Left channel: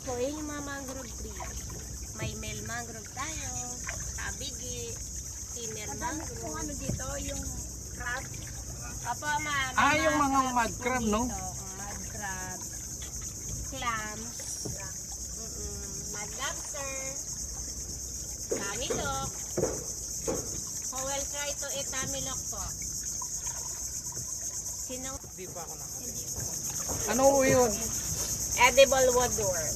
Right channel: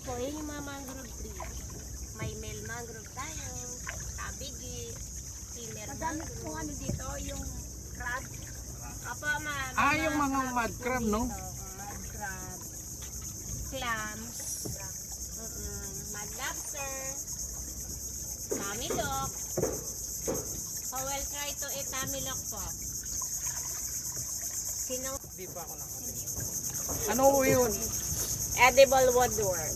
po, yun yung mga mangrove tree. May male mangrove tayo, tabigi, female Madami mangrove. kung ano dito, yung crab. Opo, may yung mga mud crab, no? Mud crab, clams, mud lobster, tamilok. So we'll try to eat tamilok po. Sinong Hindi pa ako nakatingin. Ano po yun? edible woodworm?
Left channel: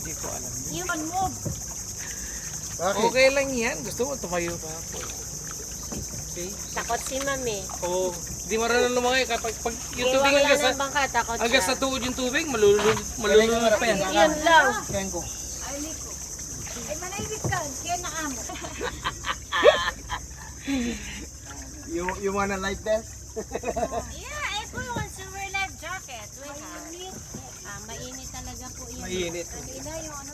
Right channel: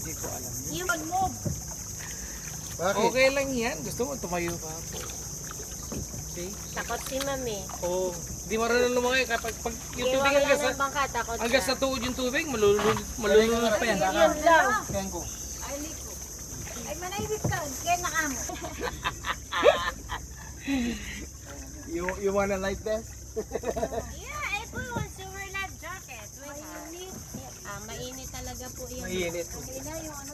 Hindi ko alam yun. Yung move. Okay lang yan. Gusto mo tumayo pa po. See? Takot si mami. Oo. Hindi marunong lumangoy. Kapag yung tubig hanggang sa, bangka, takot hanggang siya. sa tuod yung tubig, malulunod pa yan. Yun lang. Ay, liko. Ay, manahigit ka. Kaya nakamo. You wanna light this? Yeah, ito yung silver life jacket. Mainit. Mainit talaga po yun. Mainit. Kanina yung ano,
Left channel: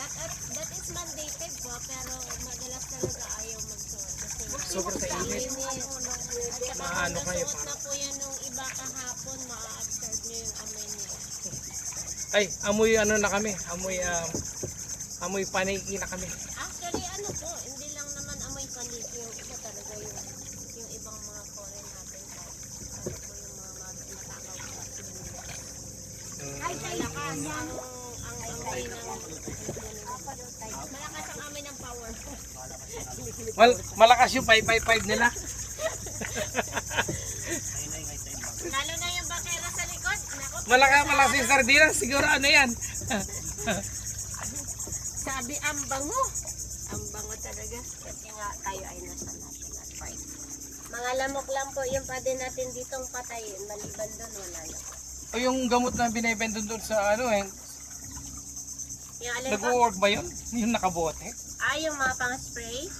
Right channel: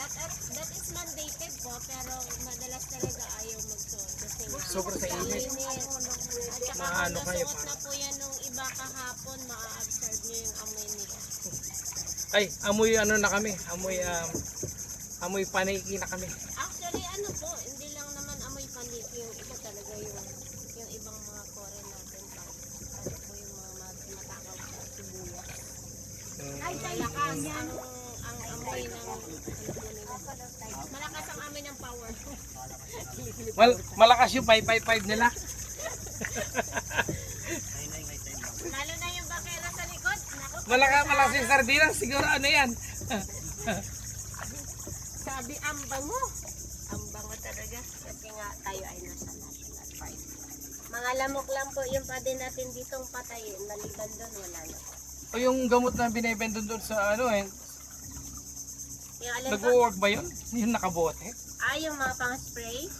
That is mandated po, pero madalas talaga ayaw magsuot. Kasi Sobrang sa init. At saka Maano kung kayo, nasuot na po yan nung iba kahapon, ma-absorb nyo yung amoy niya. Ay, amoy ano na kami. Amoy paniki na kami. Actually, ano po, hindi lang naman amoy paniki. Yung iba talaga yung ibang mga foreign natin. Ano po yung mga matakaw sa sibuyas. ay, Malakas ang amoy ng malakas ang amoy ng power. Malakas yung 555 nila. Lalo na yung bakera sa likod. Naku, Malakas yung sardinas. Siguro ano yan. sabi ang bango. Ang bango talaga. Kasi nga tayo ay nasa national park. Mga lamok lang po yung pwede natin ditong patayin. Maliban doon, wala na po. O yung gamot na binibenta doon sa ano eh. Yung alin po? Nag-work ba yun? Yung nakabote? Yung mga pang-spray.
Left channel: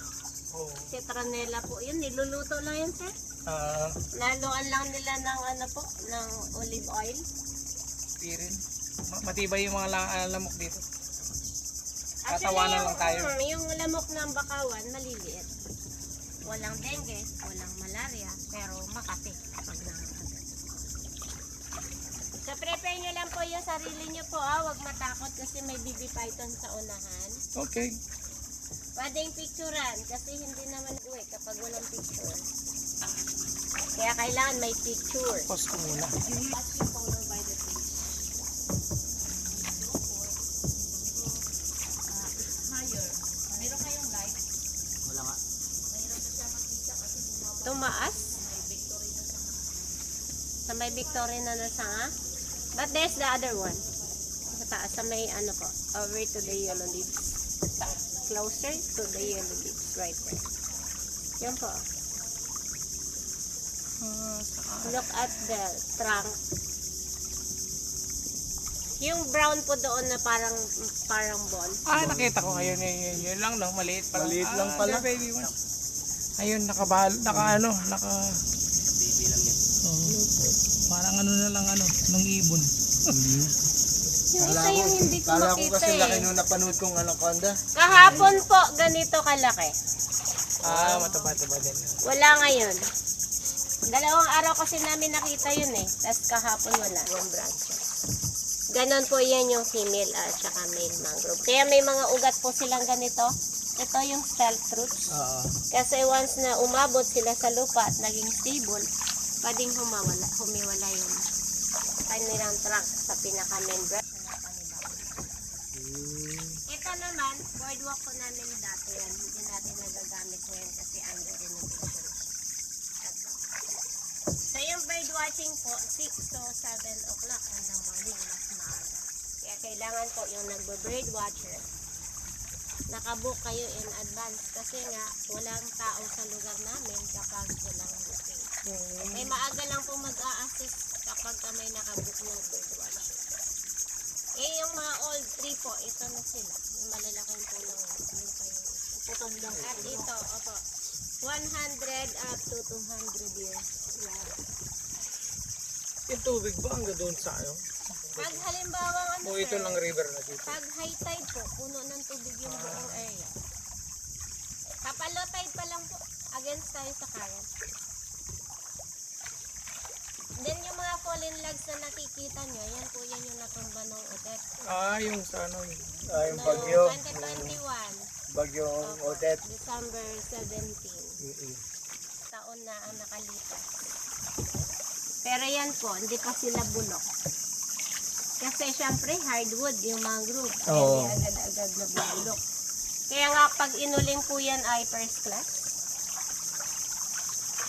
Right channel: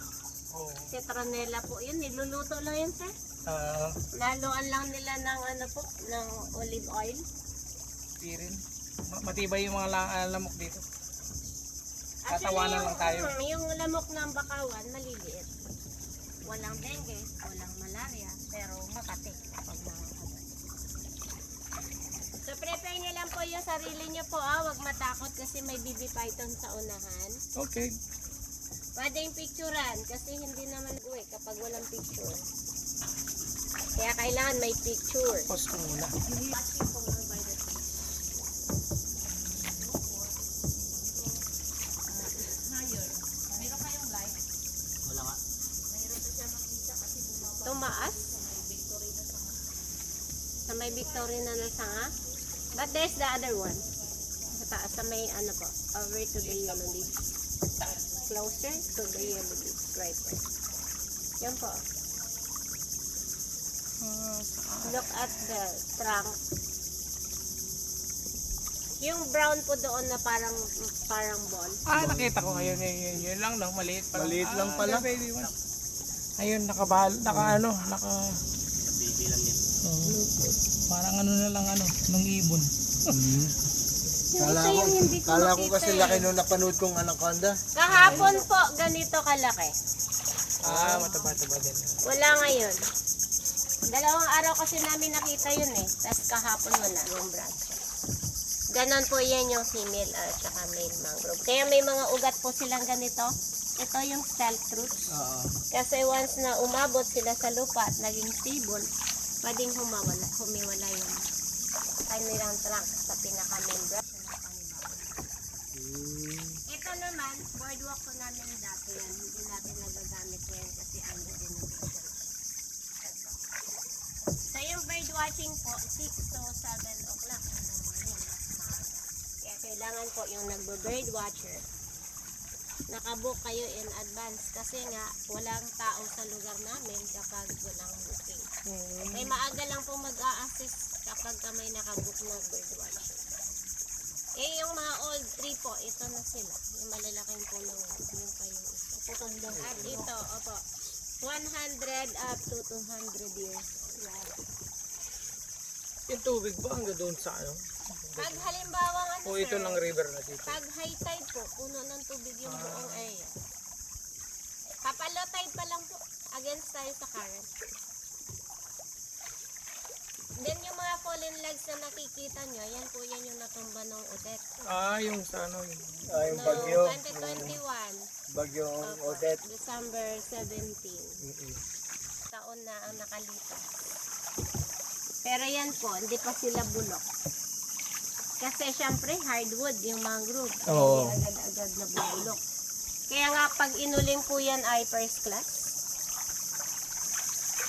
Oo. Citronella po yun. Niluluto lang yun, sir. Laluan lang nila ng ano po, ng olive oil. Pirin. Matibay yung mga lamok dito. Tatawanan lang tayo. Yung lamok ng bakawan, maliliit. Walang dengue, walang malaria, pero makati pag nakakagat. So prepare nyo lang po yung sarili nyo po, wag matakot kasi may BB python sa unahan. Okay. Pwedeng picturean kasi hindi naman uwi kapag walang picture. Kaya kailangan may picture. Pause ko muna. Tumaas. Sa may Victoria na nasa nga. But there's the other one. Sa taas, sa may ano po. Over to the yellow leaves. Closer to the yellow leaves. Right there. Yan po. Look at the trunk. Yung brown po doon na parang ball. Nakita ko ngayon. Yun lang no, maliit pa lang. Maliit lang pala. the baby one. Ayun, naka baby lang yan. Parang ano na lang nung ibon. Kala ko kasi laki nung napanood kong anaconda. Kahapon po, ganito kalaki. Mataba-taba din. Wala ngayon. Dalawang araw kasi namin nakita yun eh. Tapos kahapon wala ng branches. Ganon po yan yung female at saka male mangrove. Kaya may mga ugat po silang ganito. Ito yung stealth roots. Kasi once na umabot sila sa lupa at naging stable, pwedeng humiwala yung kanilang trunk sa pinaka-membrane. Ito naman, boardwalk ko namin dati yan. Hindi natin nagagamit ngayon kasi under renovation. So yung bird watching po, 6 to 7 o'clock in the morning, mas maaga. Kaya kailangan po yung nagbo-bird watcher, nakabook kayo in advance kasi nga walang tao sa lugar namin kapag walang booking. May maaga lang po mag-a-assist kapag may nakabook na bird watcher. Yung mga old tree po, ito na sila. Yung malalaking puno. Yun pa yung tutundong. At ito, opo, 100 up to 200 years. Wow. Yung tubig ba hanggang doon sa Pag halimbawa O ito lang river na dito. pag high tide po, puno ng tubig yung buong area. Kapag low tide pa lang po, against tayo sa current. Then yung mga fallen logs na nakikita nyo, yan po yan yung natumba Yung sa ano. Yung bagyo. 2021. Bagyong Odette. December 17. Mm-mm. Taon na ang nakalipas. Pero yan po, hindi pa sila bulok. Kasi syempre hardwood yung mangrove. Oo. Hindi agad-agad na bubulok. Kaya nga pag inuling po yan ay first class.